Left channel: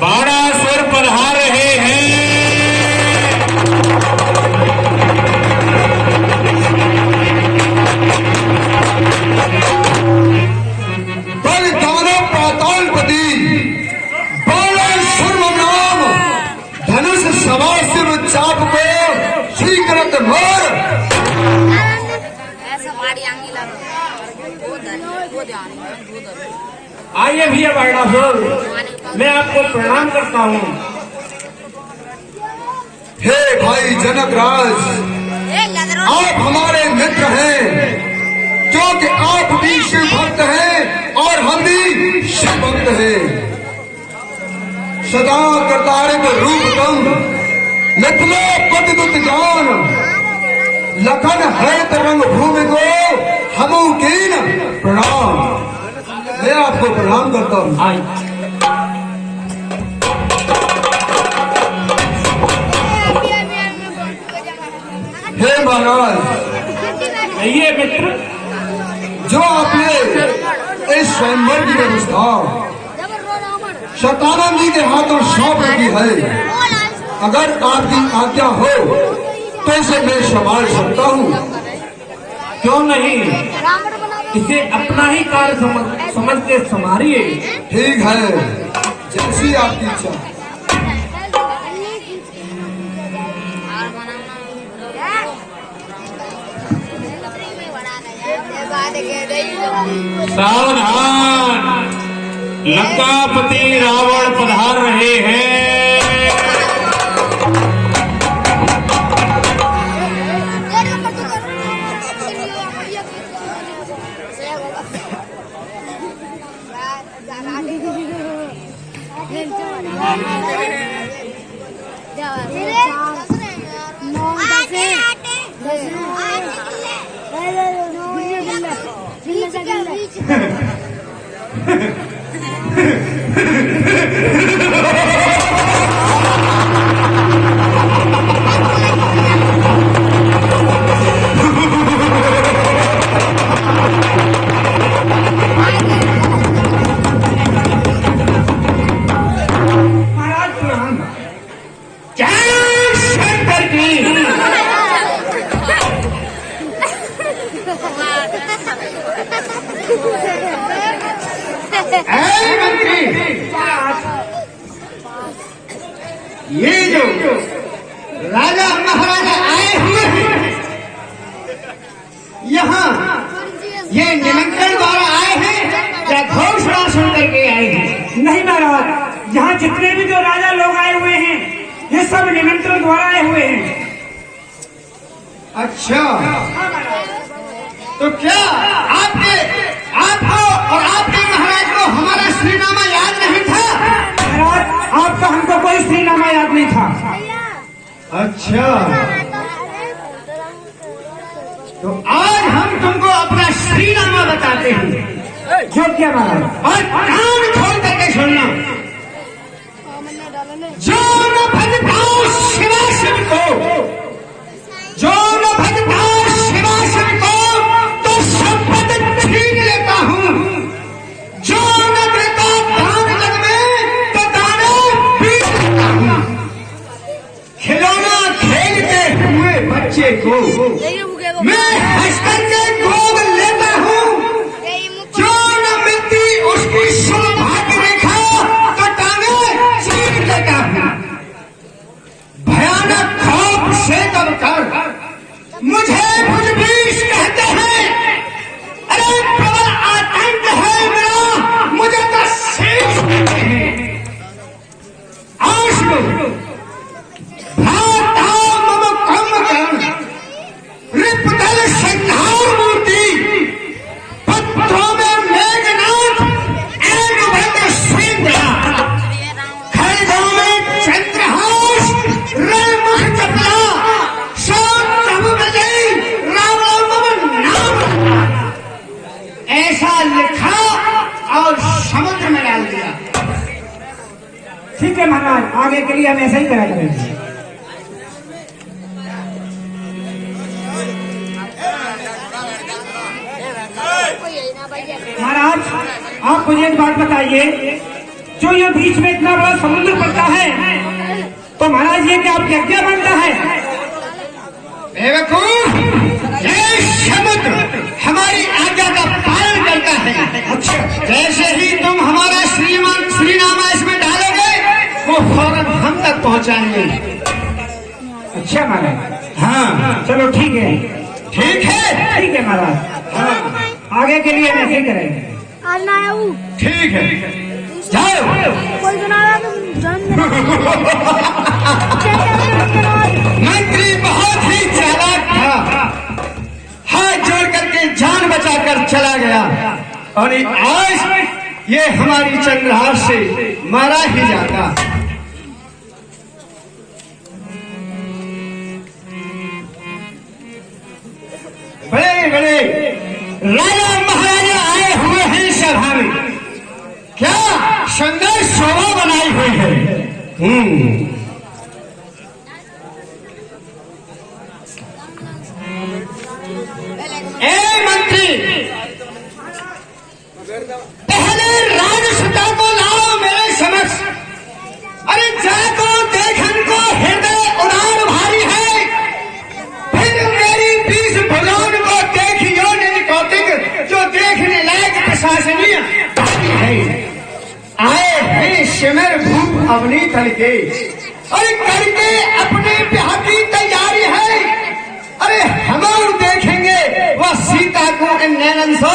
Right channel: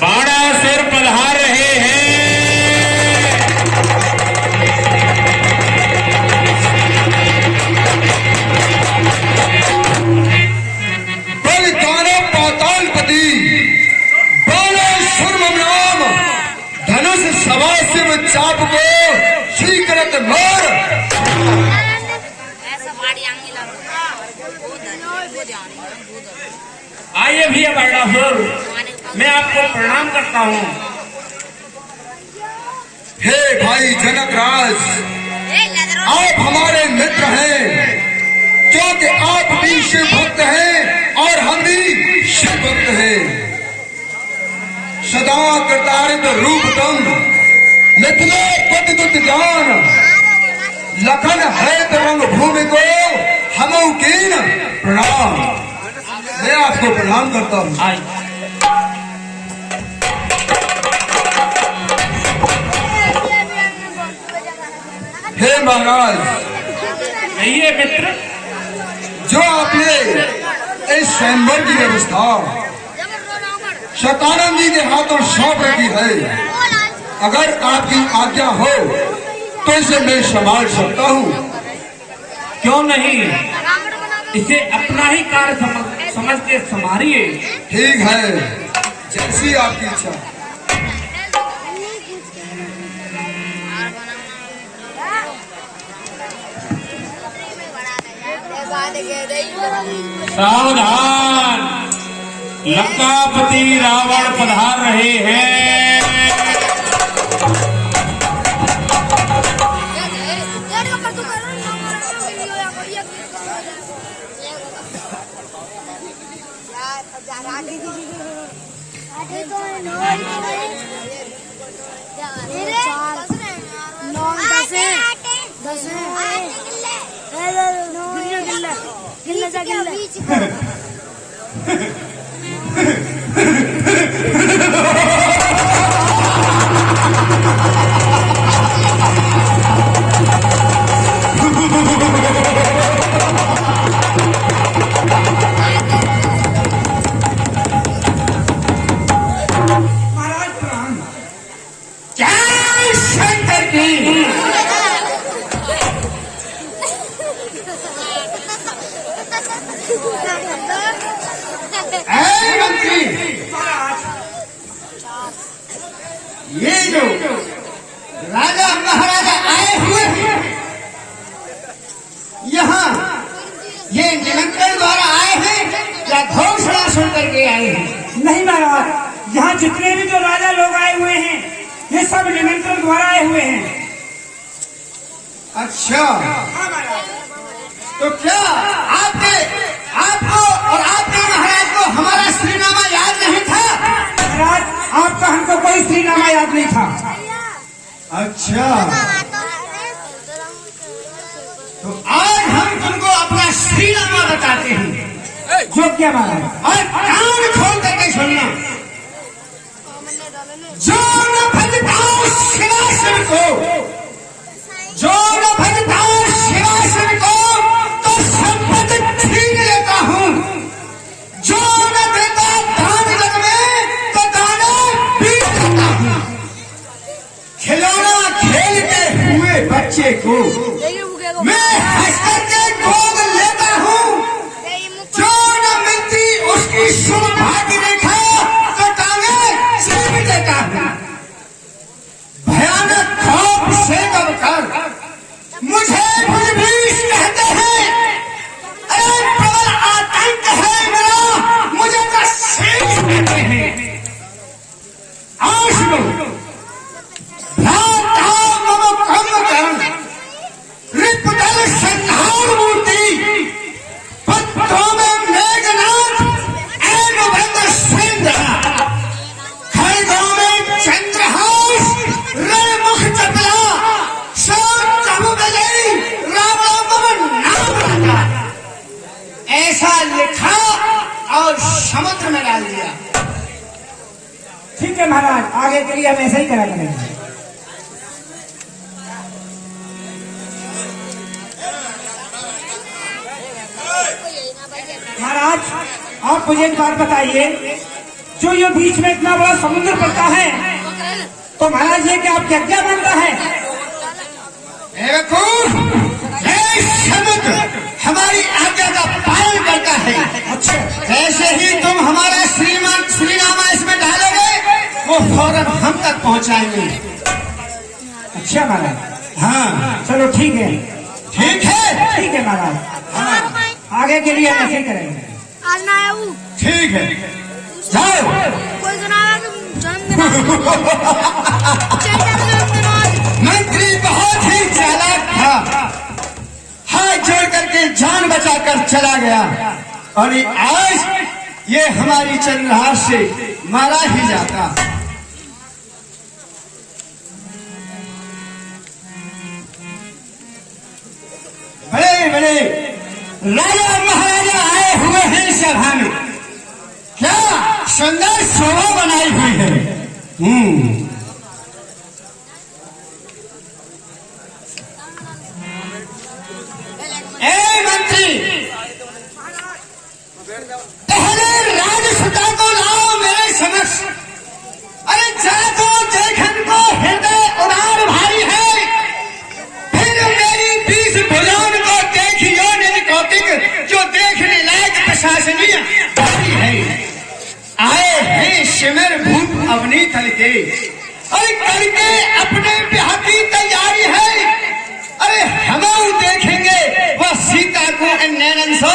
बाणासुर पधार रहे हैं। बलिदानव पातालपति बाणासुर नाम धनुष सभा शिव चाप को स्वीकृत मोर। आइए भैया बाणासुर, मैं आपको प्रणाम करता हूँ। हे भाई जनक राज, आप हमारे मित्र हैं, जो कि आप भी शिव भक्त हैं और हम भी शिव भक्त हैं। सदा करतारित रूपतम निकलो पद जान, लखन है तरंग भूमि को हमों कीन प्रणाम। मैं आपको प्रणाम करता हूँ। हे महाराज, कहिए मित्र। जो आपने इस स्वयंवर की व्यवस्था शतानंद जी के हाथों सौंप रखी है, अगर आपकी आज्ञा हो तो इसे मैं संभाल सकता हूँ। क्यों नहीं, इसे अपना ही कार्य समझ के संभालिए। ठीक है, जैसी आपकी इच्छा। सावधान, लंकापति रावण पधार रहे हैं। ये जो राजा महाराजा आए हुए हैं यहाँ, ये निमंत्रण द्वारा आए हैं या घोषणा सुन करके आए हैं? नहीं महाराज, यहाँ जितने भी जो राजा लोग आए हुए हैं, ये सब निमंत्रण द्वारा आए हुए हैं। अच्छा, तो क्या आपको और आपके महाराज को हमारा श्रीनामा याद नहीं था? महाराज, आपका हमको कोई श्रीनामा याद नहीं था। अच्छा, तो आज हम तुमको अपना श्रीनामा बताते हैं। जो क्या महाराज? और कान खोल करके सुनना। जो न भजता शिवाशिव को, जो न भजता शिवाशिव को, तो संपत्ति छीन लेता हूँ। जो न देता दान जग में, तो दाना पी लेता हूँ। खिलौना खेलते हुए बच्चे को मैं हंस करके गोद लेता हूँ। जो न मिलती उसकी सौभाग्य रेखा, तो दाने छीन लेता हूँ। भयानक खौफ से दबकर मुझे भुजबीन कहते हैं। अरे प्रबल आतंक है मेरा, मुझे तो शेष कहते हैं। आशु भ्राता मम कम कर्ण, रिपुदल संहार मूर्ति, पत्रों में मेघनाथ एवं भद्र सिंधरा, खड़गों में चंद्रहास रणमुख चपला, सब तहु बजई रावण मम नाम रखा। ऐसा लिखा और समुद्र में डाल दिया। ठीक है महाराज, आगे के लिए हम ऐसा ही करा करेंगे। महाराज, आप मुझे एक बात बताइए, जो ये बीच में इतना बड़ा समुद्र पड़ता है, तो महाराज ये क्या आप क्या मानता है? समुद्र हमारी आज्ञा का पालन करता है। अच्छा, जैसे ही तुम हमारा श्रीमान श्री नाम इसमें डालोगे, वो फौरन हम तक पहुंचाएंगे। अच्छा महाराज, हाँ चलो ठीक है, ठीक है, ठीक है महाराज। हाँ, आगे के लिए ऐसे करेंगे। आज ना आया वो ठीक है, जाओ। कोई सुनाया तुम जन्मदिन मंत्री बहुत ही चालाक था, हाथ जोड़ करके जान बचाकर चला गया, और आज ये हमारी चंद्रहार से मारा ही जाता। बड़े बड़े राजा महाराजा आए हुए हैं सभा में, क्या शानदार शोभा बनाई हुई है। ए मंत्री, पहले राजसुता को लाओ मेरे समक्ष। अरे जाको देख, इनको हृदय उड़ान भारी है। फिर मेरी 20 भुजाओं को देखियो नहीं कौतिक, जो देखने लायक प्रशासनीय भारी है। आए हैं शिविर भूप अवनी तल के, अरे करके अपने ब्याह की तैयारी है। अरे हम देखेंगे वह सीता को नैनन सो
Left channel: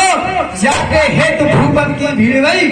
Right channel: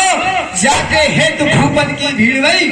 जाके हेतु भूपत की भीड़ गई।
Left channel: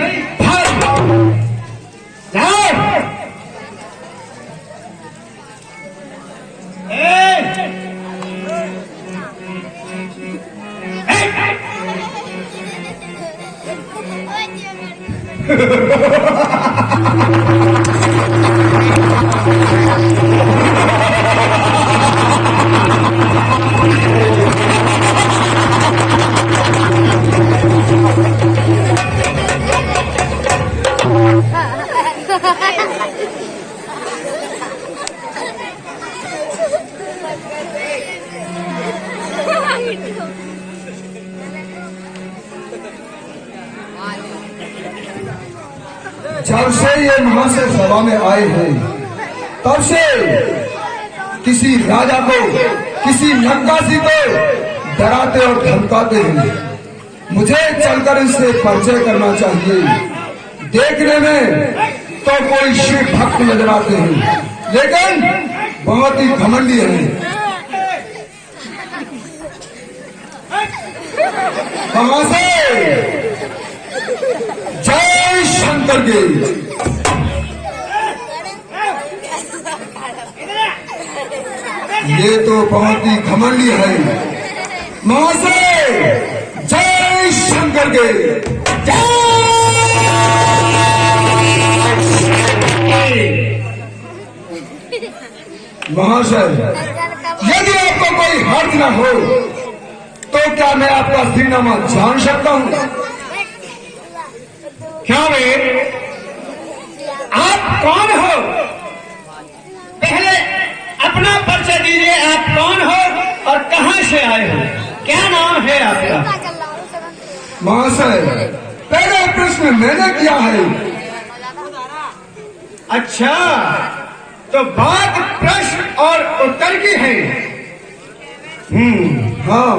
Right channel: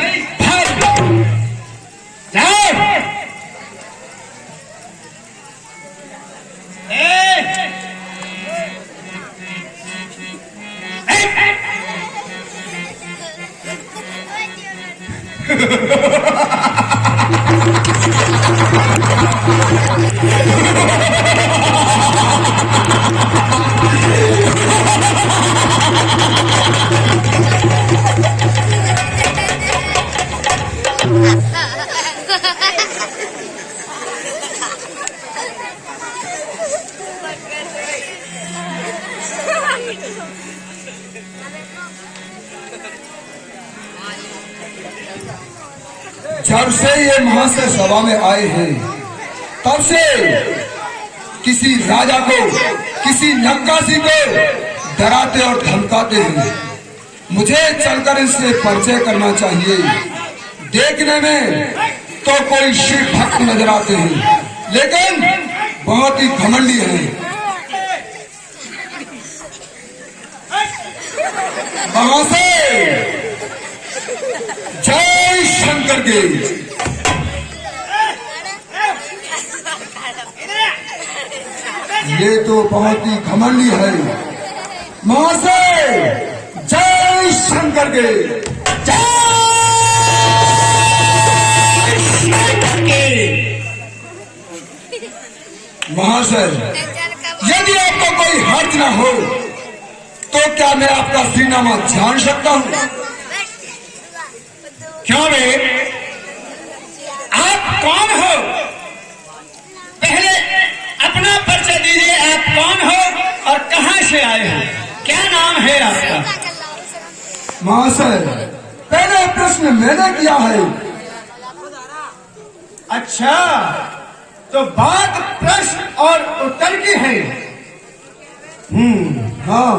जब से ये महाशय सभा में आए हैं, तब से किसी राजा को, किसी नक्काशी को डराते और धमकाते हैं। मुझे चलकर इससे परिचय करना चाहिए। देखने में तो कोई शिव भक्त नजर आते हैं, लेकिन बहुत ही घमंडी हैं। महाशय, जय शंकर के। ये तो बहुत ही घमंडी है। महाशय, जय शंकर के। महाशय, यदि आपको कोई हर्ज न हो तो क्या मैं आपका श्रीनामा जान सकता हूँ? क्या रे, आप कौन हो? पहले अपना परिचय दीजिए। आप कौन हो और कहाँ से आए हो? क्या नाम है आपका? महाशय, पहले प्रश्न मैंने किया है। अच्छा, तो बात प्रश्न और उत्तर की है। हाँ,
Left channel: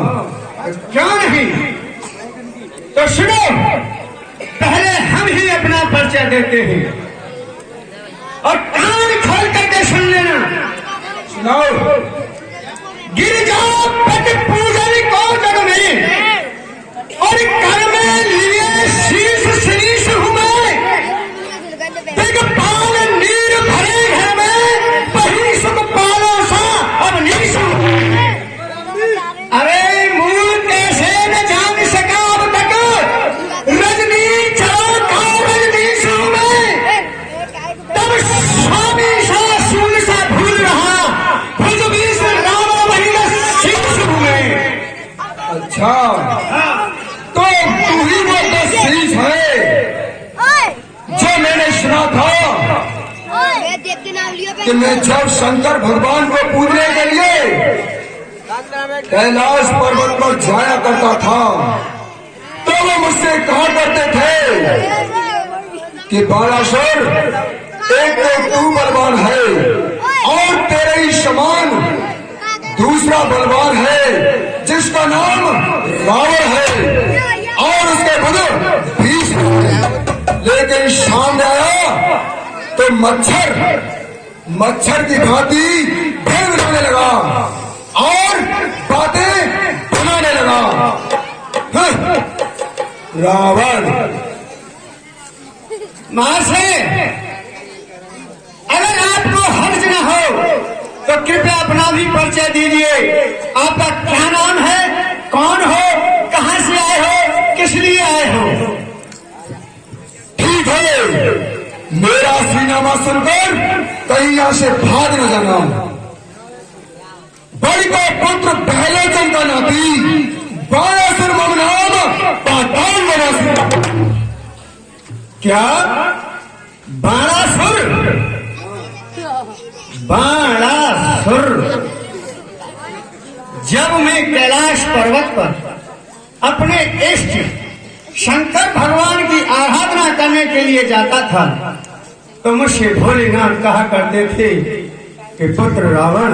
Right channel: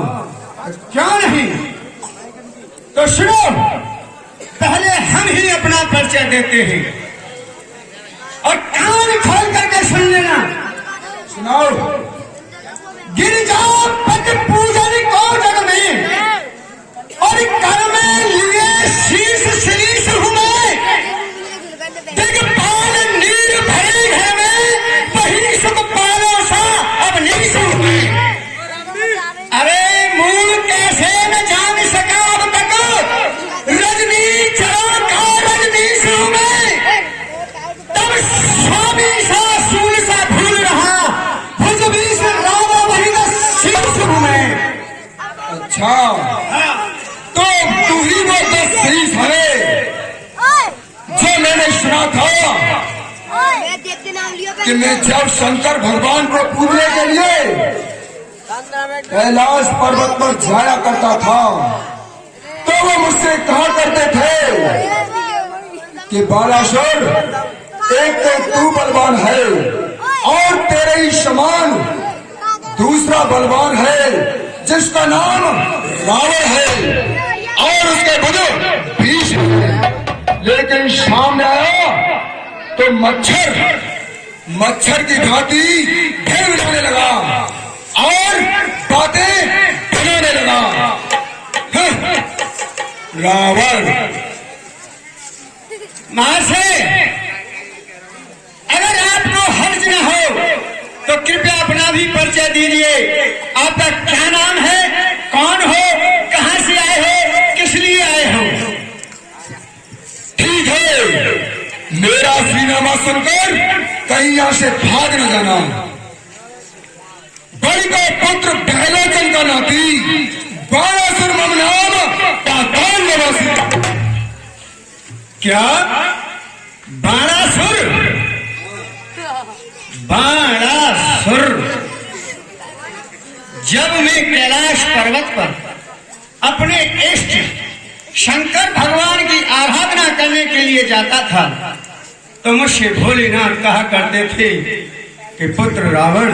क्यों नहीं? तो सुनो, पहले हम ही अपना परिचय देते हैं और कान खोल करके सुन लेना। सुनाओ। गिरिजा पद पूजन को जग में और कर में लिए शीश शीश हुए, दिग्पाल नीर भरे घर में बही सब पालो सा अब निकस हुए। अरे मूल कैसे न जान सका अब तक, रजनी चलो का रजनी में, तब स्वामी सा सूल सा भूल रहा, भुज बीस राम महीना शीश में। अच्छा, तो तू ही वो 10 शीश है जो मैंने सुना था कि मैं जब शंकर भगवान को पूजने के लिए कैलाश पर्वत पर जाया करता था, तो वो मुझसे कहा करते थे कि बाणासुर एक तो तू बलवान है और तेरे ही समान दूसरा बलवान है जिसका नाम रावण है और उसके बने भीष्म है। लेकिन सामने आया तो मच्छर की घाटी भेड़ डालने लगा और बातें बनाने लगा। रावण महाशय, अगर आपको हर्ज न हो तो कृपया अपना भी परिचय दीजिए। आपका क्या नाम है, कौन हो, कहां से आए हो, किस लिए आए हो? ठीक है, मेरा सीनामा सुनकर कहीं यहां से भाग न जाना। बलि का पुत्र बहलोचन का नाती बाणासुर मम नाम पाताल निवासी। क्या बाणासुर? बाणासुर जब मैं कैलाश पर्वत पर अपने इष्ट शंकर भगवान की आराधना करने के लिए जाता था तो मुझसे भोलेनाथ कहा करते थे कि पुत्र रावण,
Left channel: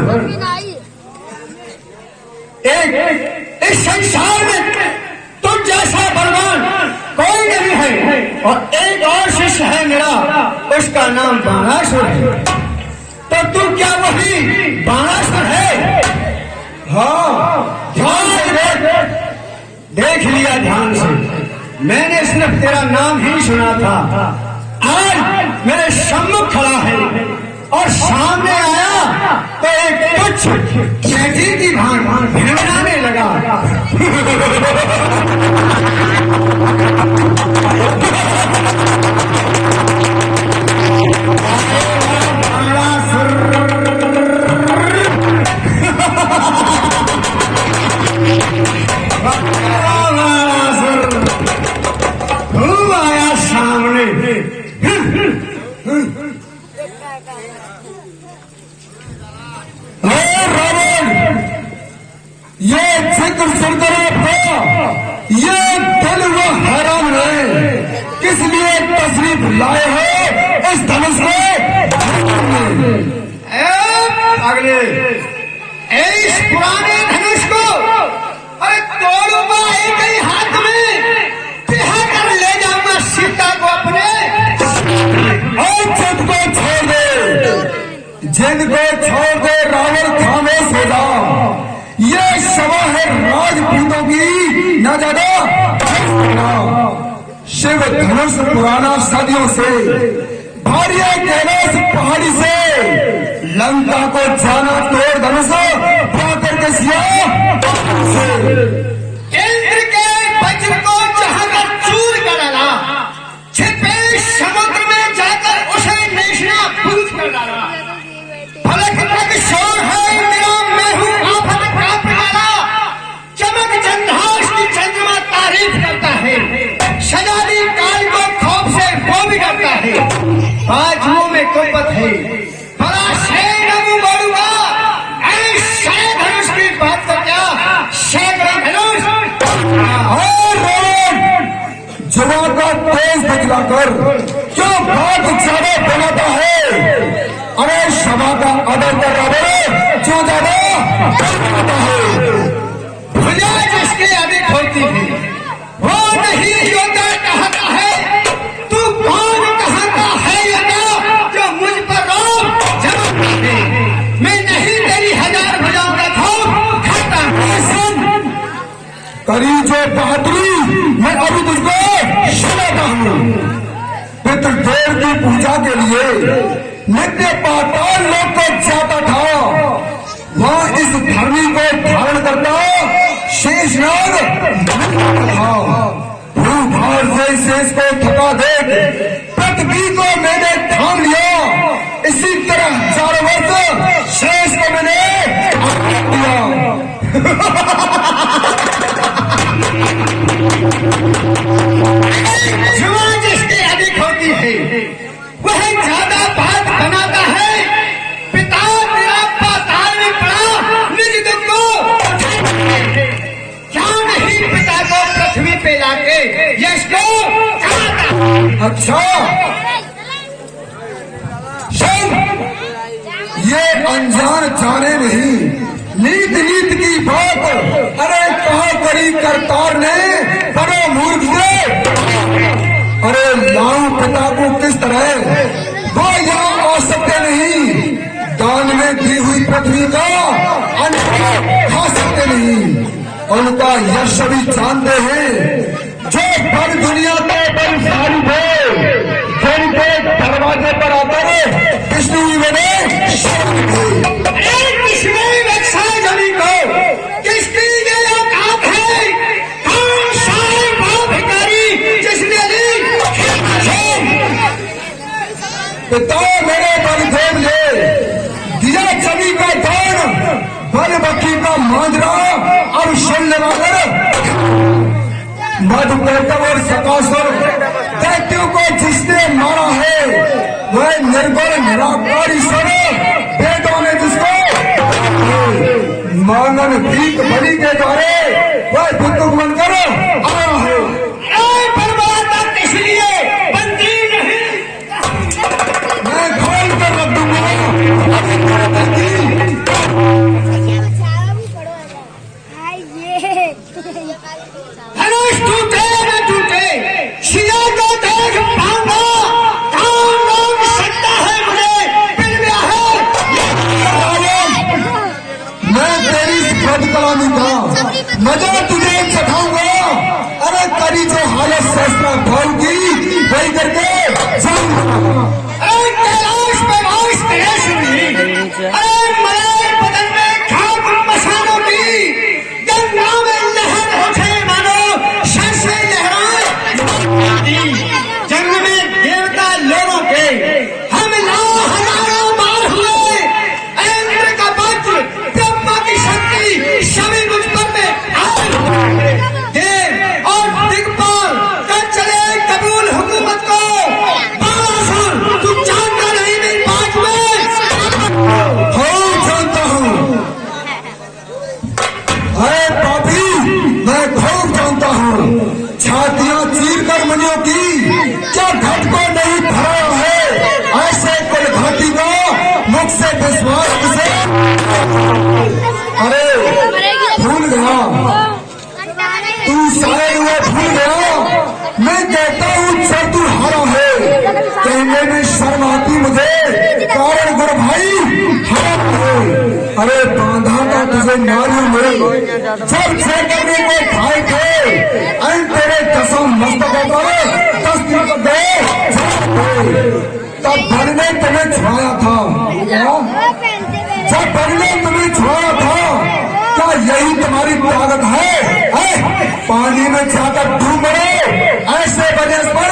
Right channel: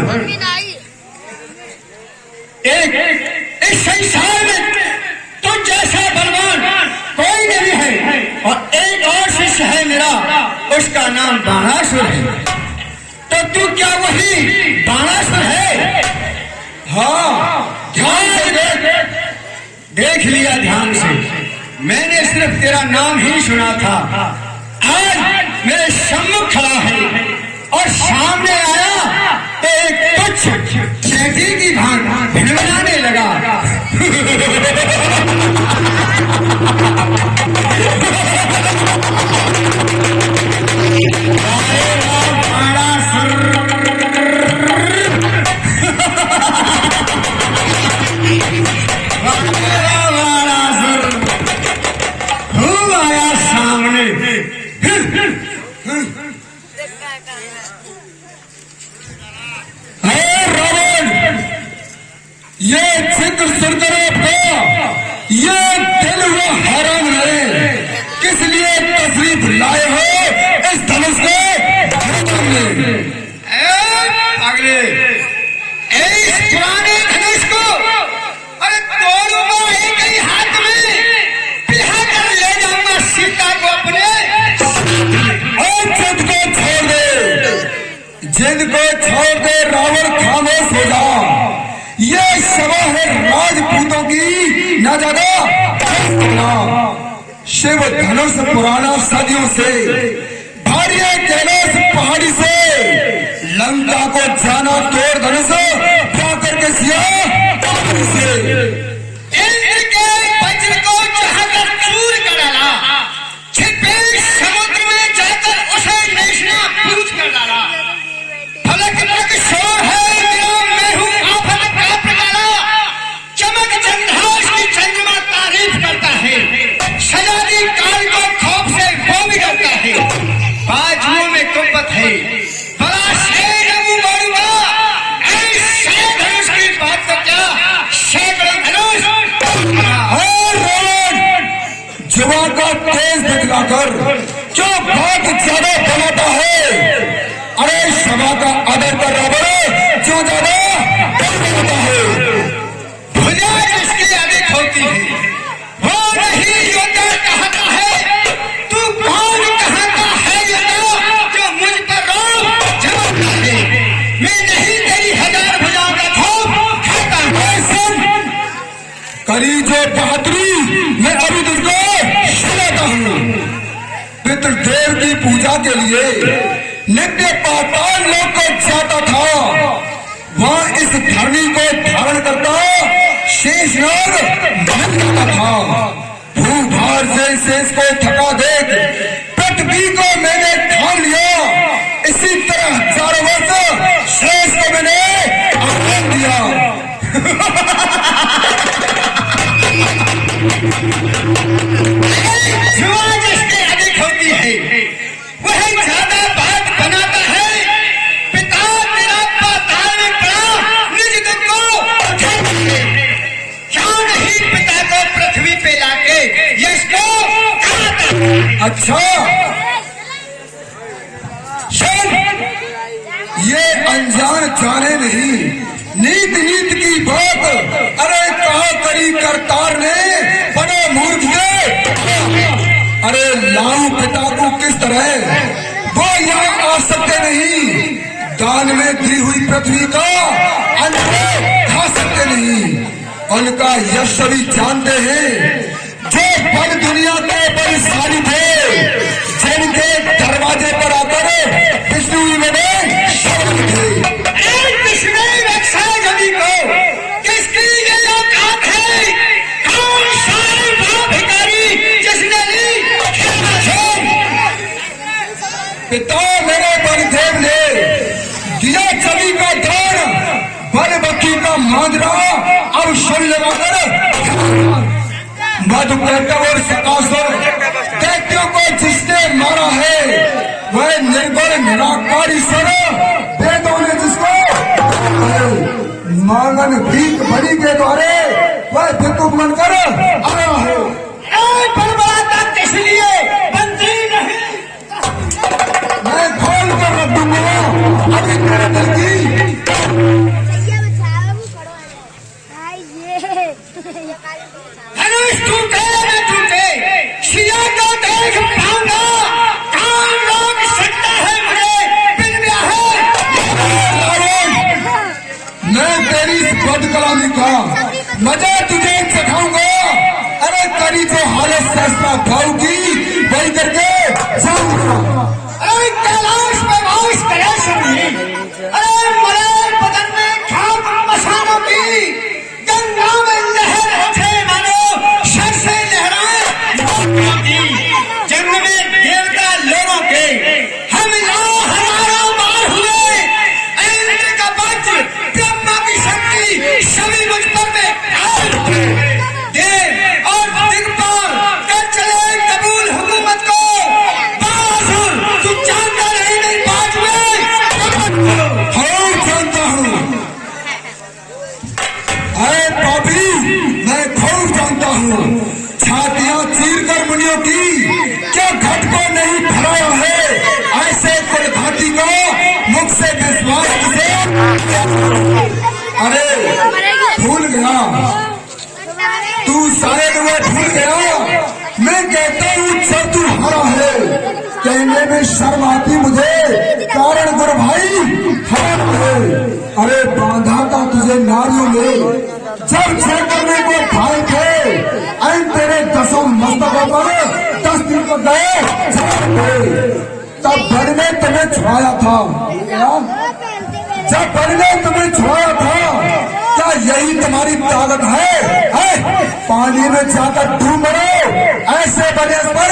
एक इस संसार में तो जैसा बलवान कोई नहीं है और एक और शिष्य है मेरा, उसका नाम बाणासुर है। तो तू क्या वही बाणासुर है? हाँ, ध्यान से देख लिया, ध्यान से। मैंने सिर्फ तेरा नाम ही सुना था, आज मेरे सम्मुख खड़ा है और सामने आया तो एक तुच्छ चैती की भांति भिड़ाने लगा। खूब आया सामने। ये जिक्र सुनकर आपका ये दिल वो हैरान है, किस लिए तशरीफ लाए हो इस धनुष को? अगले इस पुराने धनुष को अरे तोड़ूंगा एक ही हाथ में, पिहा कर ले जाऊंगा सीता को अपने। और जिद को छोड़ दे रावण खाने से जा। ये सभा है राजपूतों की, न ज्यादा शिव धनुष पुराना सदियों से भारी कैलाश पहाड़ी से लंका को जाना तोड़ धनुष जाकर के सिया इंद्र के वज्र को चाहकर चूर कर डाला, छिपे समुद्र में जाकर उसे नैशना बूझ कर डाला। फलक फलक शोर है मेरा, मैं हूँ आफत प्राप्त वाला। चमक चंद्रहास की चंद्रमा तारीफ करता है, सजादी काल को खौफ से वो भी करता है। बाजुओं में कुंपत है, बड़ा शेर है वो मरुआ। ऐसे धनुष की बात तो क्या, सैकड़ों धनुष जुआ का तेज बतलाकर जो बात ज्यादा बनाता है, अरे सभा का आदर कर रावण जो ज्यादा बनाता है। भुजा जिसकी अधिक होती है वो नहीं योद्धा कहता है। तू कौन कहता है योद्धा जो मुझ पर रोब जवान मांगे? मैं नहीं तेरी हजार भुजाओं का थोप खाता हूँ। करी जो बहादुरी मैं अभी तुझको सुनाता हूँ। पितृदेव की पूजा के लिए नित्य पाताल लोक को जाता था, वहाँ इस धरनी को धारण करता शेषनाग बनता था। भूभार से शेष को थका देख पृथ्वी को मैंने ठान लिया, इसी तरह 1000 वर्ष शेष को मैंने अपना दिया। जुआ जिसकी अधिक होती है वह ज्यादा बात बनाता है। पिता मेरा पाताल में पड़ा निज दुख को क्या नहीं पिता को पृथ्वी पे लाके यश को अच्छा सुन, ये अनजान जाने नहीं, नीत नीत की बात, अरे कहा करी करतार ने बड़े मूर्ख थे। अरे लाऊ पिता को किस तरह वो यहाँ आ सकते नहीं, दान में दी हुई पृथ्वी का अन्न खा सकते नहीं। उनका यश भी जानते हैं, जो बड़ दुनिया के बलशाली थे, जिनके दरवाजे पर आकर विष्णु बने शरण थे। किसने रक्षा जमी को, किसकी ये औकात है? कौन सा बड़ा भिखारी जिसने ली पिता मेरे बलदेव ने दिया जमी का दान, बल बक्की का मांजरा अब सुन लेवाकर मधुकैटव और सकासुर दैत्यों को जिसने मारा है, वह निर्बल निराकारी सवे वेदों ने जिसको मांगन भीख बड़ी के द्वारे वह भिक्षुक बनकर आ रहे। इसलिए बनती नहीं। मैं खोल कर रख दूंगा धनुष टूटे न टूटे, शिला का देख पाऊंगा। कौन रोक सकता है मुझे? मिल गया है। मैं तेरी इस बद कलामी का मजा तुझे चखाऊंगा। अरे तेरी जो हालत शास्त्रा भाई वही करके जाऊंगा। अरे कैलाश में आश कैलाश नहीं। अरे मेरे बदन में खाक मसालों की गंगा में लहर उठे मानो सर से लहराए। जंग में देवता लोगों के हम हजारों बार हुए। इंद्र का वज्र, ब्रह्मा की शक्ति सभी मुझ पर में आई। देव और दिग्पाल कर चले कबूल हुकूमत को। बारासुर तू जानता नहीं मेरी बात में। हाँ जानता हूँ। अरे पापी, मैं खूब जानता हूँ। छातियां चीर कर मुनियों की क्या घटका नहीं भरा है? ऐसे कुलघाती को मुख से विश्वास से अरे भूल गया तू, शायद वह भूल गया। मैं कहता हूँ जब तू हरा है, कहने में शर्म आती मुझे, कारण गुरु भाई हरा है। अरे बांधा था तुझे नारियों में, जब छह करने को भाई थे, आई तेरे दसम मस्तकों पर 10 दिन को गए, तब बल में तुम्हें छुड़ाया था। जब बल में तुम्हें छुड़ाया था, क्या यही तुम्हारी ताकत है? पानी में जाकर डूब मरो, ऐसे बने पर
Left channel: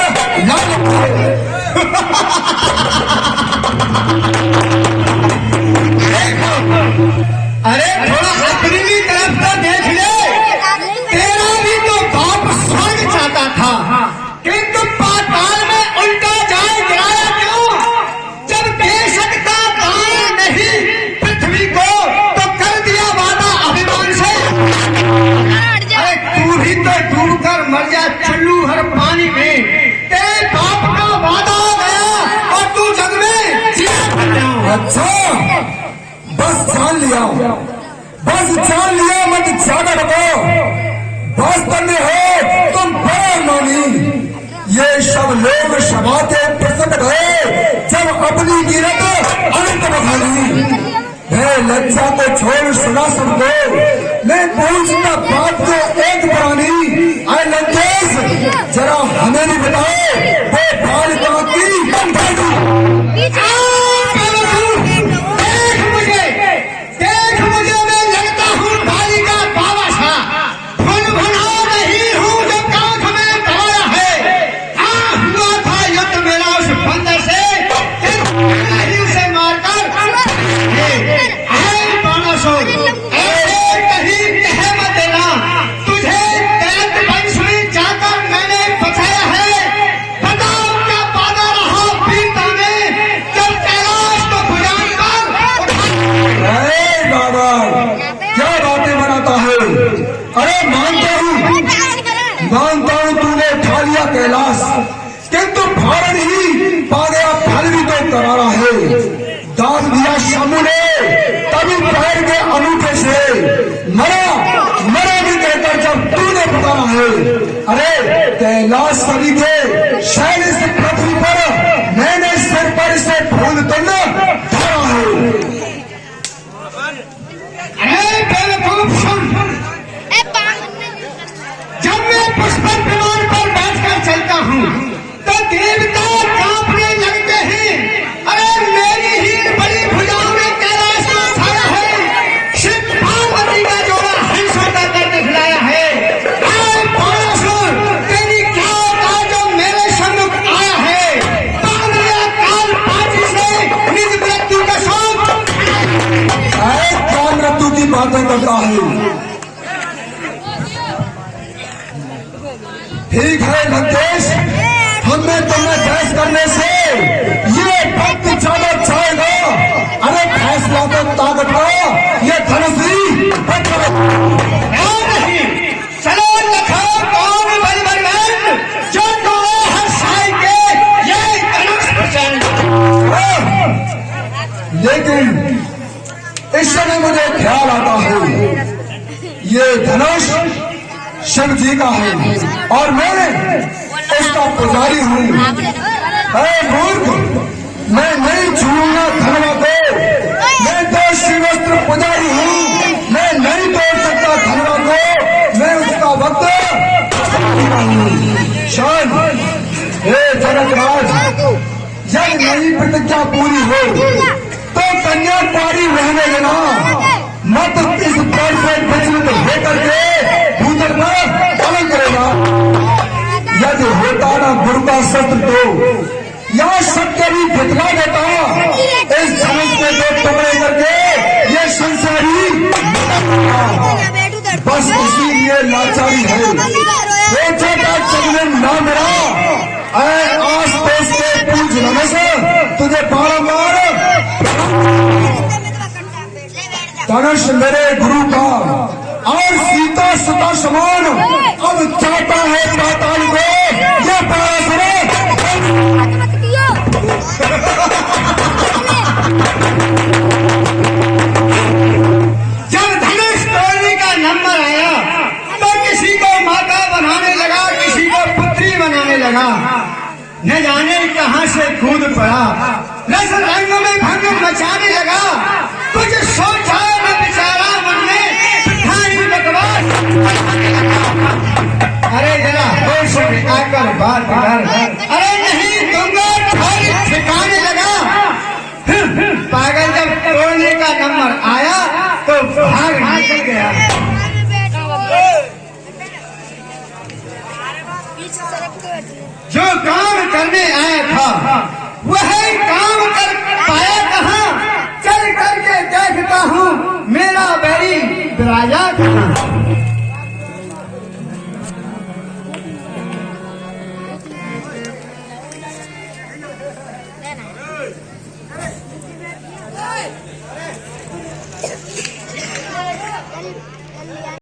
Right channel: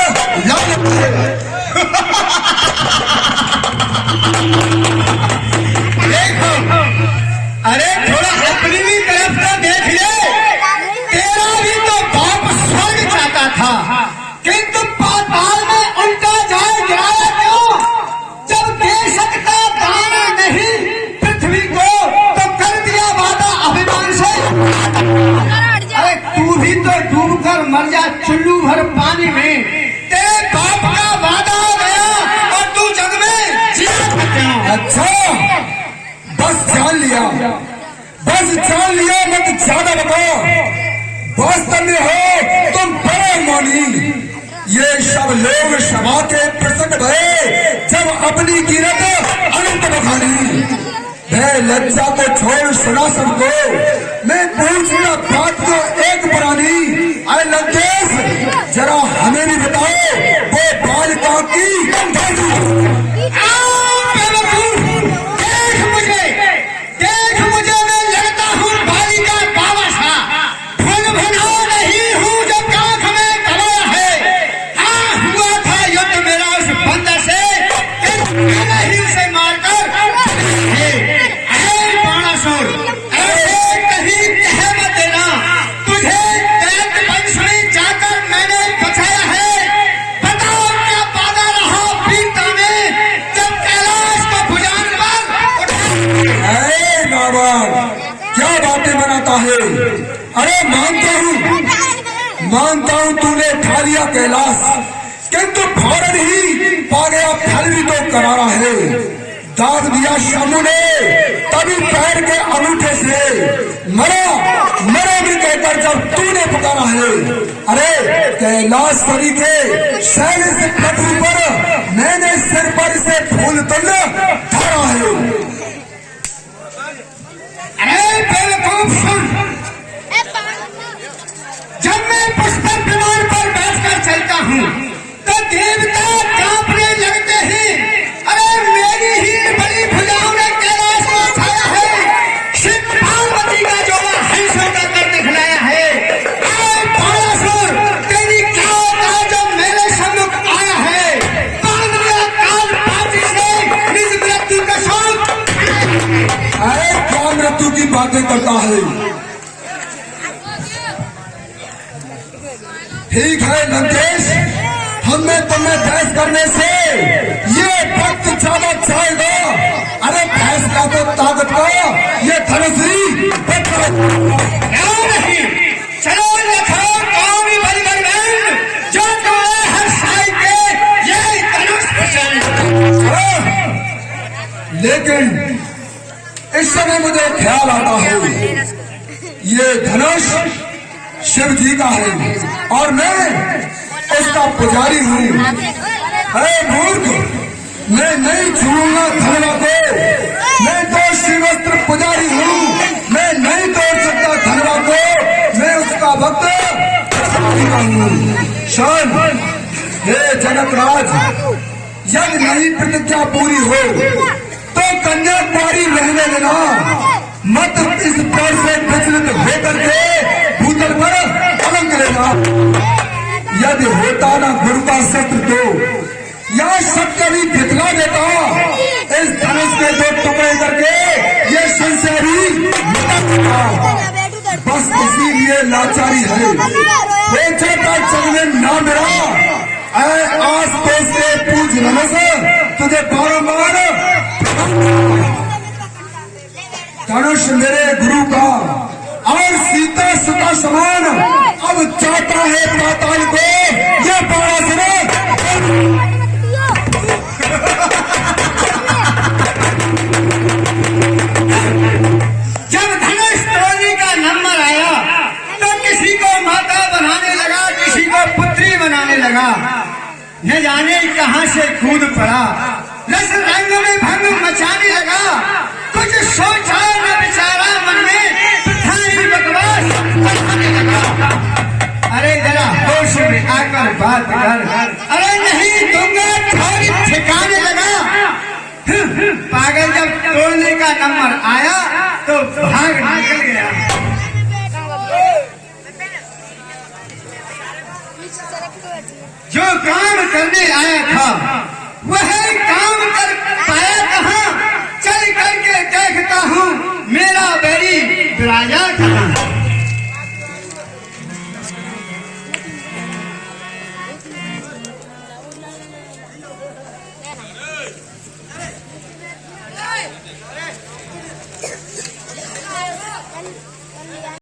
अरे थोड़ा अपनी भी तरफ तो देख ले। तेरा भी तो बाप स्वर्ग चाहता था, किंतु पाताल में उल्टा जाए गिराया क्यों? जब बेशक का दाना नहीं पृथ्वी को, तो कर दिया वादा अभिमान से। अरे तू भी तो डूब कर मर जा चुल्लू भर पानी में। तेरे बाप का वादा हुआ और तू जग में जिया। अच्छा बस जान लिया, बस जान लिया, मत ज्यादा लगाओ। वास्तव में है तुम बड़ा मानी। ये सब लोग सभा के प्रसन्न भये जब अपनी कीमत अनंत बखानी। है लज्जा को छोड़ सुना सबको, मैं पूछना बात को एक पुरानी। अरे लंकेश जरा हमें भी बताओ, वो बालिका की देख मुझे मैं लड़ता हूँ बालिका बाबा सा। फुल भुना नहीं हूँ जो कांख में दबाया है। हाँ हुआ था युद्ध मेरा उस बंदर से, नहीं उसे मारकर बाणासुर। ऐसे कहीं कह मत देना तुझे दैत्य वंश में जाकर मैंने बचाया है। बताओ क्या वादा रहा वीरता में, जब कैलाश को भुजान पर बाबा क्या बातें बनाता है? अरे मानता हूँ तूने उठा लिया कैलाश, किंतु फाड़न ही पा गया, फल भी तो करारा है। दाब दिया शामू ने तभी पैर के अंगूठे से, मरा मरा भी कहकर जब तूने पुकारा है। अरे कैलाश सभी के शैल से पृथ्वी पर मैंने सिर पर से फूल तुल्य धरा है। अरे बेवकूफ सुन, जब मैं पुष्पक विमान पर बैठकर चलता हूँ तो देवता कांपने लगते हैं। अरे मेरी ही बड़ी भुजाओं में कैलाश को छाया है। शिव पार्वती का जोड़ा हंसों का कर दिखलाया है। अरे पारासुर, तेरी क्या औकात जो मेरे सम्मुख आया है। बांध लिया काल पाटी से निज मृत्यु का शौक। अरे क्या मृत्यु की बातें करता है। ठीक है लंकेश, हमने तुम्हें बहस करने से ये वक्त ज्यादा चाहेगा। अरे फैसला तो ताकत का, ये धनुष ही क्यों नहीं, चलो लखो कौन बलवान जो तुम्हें हर साई के ये धनुष पसंद। लेकिन इस समय मुझे ख्याल आता है ये धनुष शिव जी का है और मैं उसका पुजारी हूँ। अरे मूर्ख, मैं नहीं छूऊंगा धनवा को। मैं तो शिवस्त्र पुजारी हूँ, मैं नहीं तोड़ सकता धनवा को। मैं उसका भक्त शान। हे जनकराज, जब नई प्रतिज्ञा पूरी हो तो कन्याकुमारी रहने देना, मत इस पर से विचलित होकर के भूतल पर पालन करेगा। यदि होता ना गुरु का शस्त्र तो या सत्य भी दिखला देता। इस धनुष के दो टुकड़े करके ये संशय ही बस इसीलिए लाचारी है। सोचा था चलने ना मेरा, आस पास के पूज नमस तुझे बारंबार। धनुष मेरे गुरु का और सीता सुता समान अब चाहता है पाताल को। ये पराशर जब धनुष तोड़ने का नंबर आया तो किसी को माता बनाने लगा, किसी को पुत्री बनाने लगा। न जाने कहां से कूद पड़ा, रस रंग में भंग मचाने लगा। कुछ सोचा न बिचारा मन में, थाई बकवास। अरे जरा होश में आकर बात कर। अरे नहीं दूंगा, थोड़ी ठिकाने लगा। पागल जब तोड़ने का नंबर आया तो भाग निकल गया। जो काम करने आया था वह काम कर पाया कहाँ। चल करके देख